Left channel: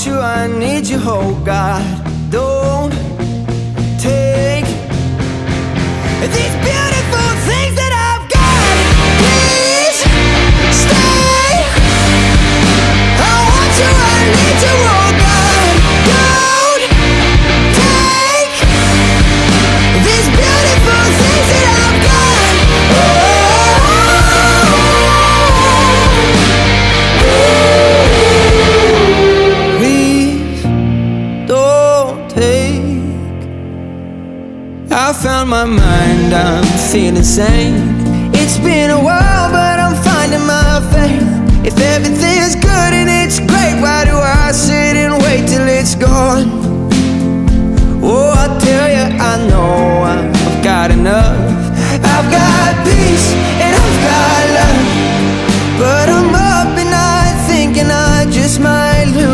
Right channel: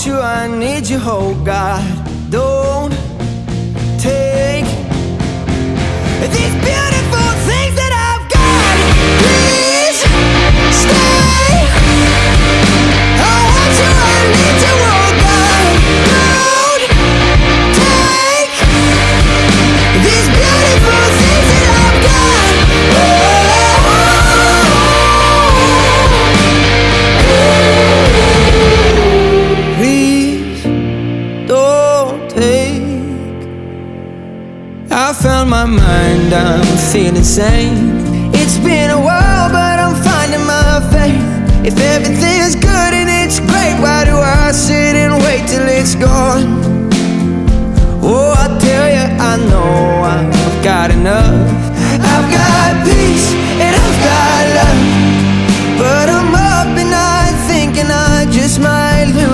want you, I need you, oh God. Don't take these beautiful things that I've got. Please stay. I want you, I need you, oh God. Don't take these beautiful things that I've got. Please don't take. I found my mind, I'm feeling sane. It's been a while, but I'm finding my faith. If everything's good and it's great, why do I sit and wait till it's gone? Oh, I tell you, I know I've got enough. I've got peace and I've got love, but I'm up at night thinking I just might lose.